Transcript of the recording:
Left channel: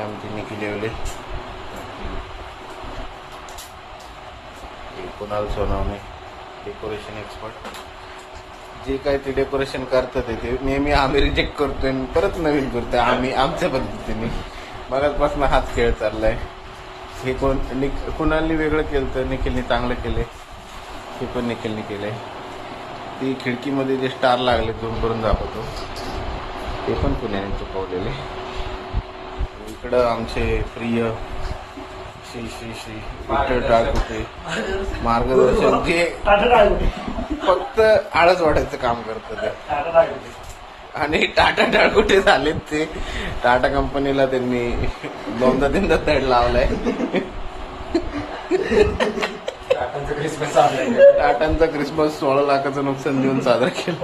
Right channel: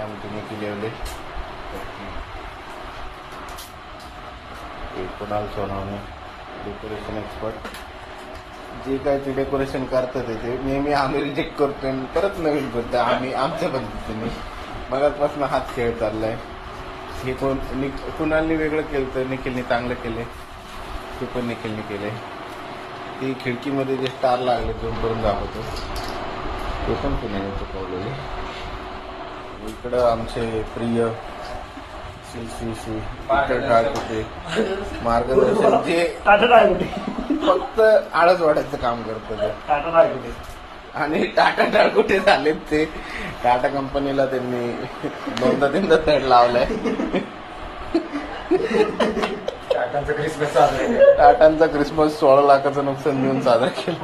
आमची Nikhil Yewale, Kunal Sonawane, decoration expert. जे काय ते डेकोरेशन करतात ते नेहमी आम्ही रिजेक्ट करतोय आणि परत नवीन करतोय आम्ही आमच्या पद्धतीने. मगाचपासून हाच खेळ चाललाय. हे कुणालनी वेगळं केलं तर निखिलने चांगलं केलंय. हे पण निखिलने केलंय. ती खिडकीमध्ये जे स्टार लागले झूम करून दाखवतो ते पण पुण्याने चुकवलेले. इकडं आमचे प्रिय श्री श्री श्री विठ्ठल ठाकरे मार्गदर्शक जे फक्त आळस वाढायचं काम करतं ते. आणि टाटा डाळकुटे झालेत ते. टाटा कंपनीला त्यांनी दोनदा तीनदा तड लावलाय. टाटांचा क्रिसमस 16 लाखाचं नुकसान देऊन साजरा केलं.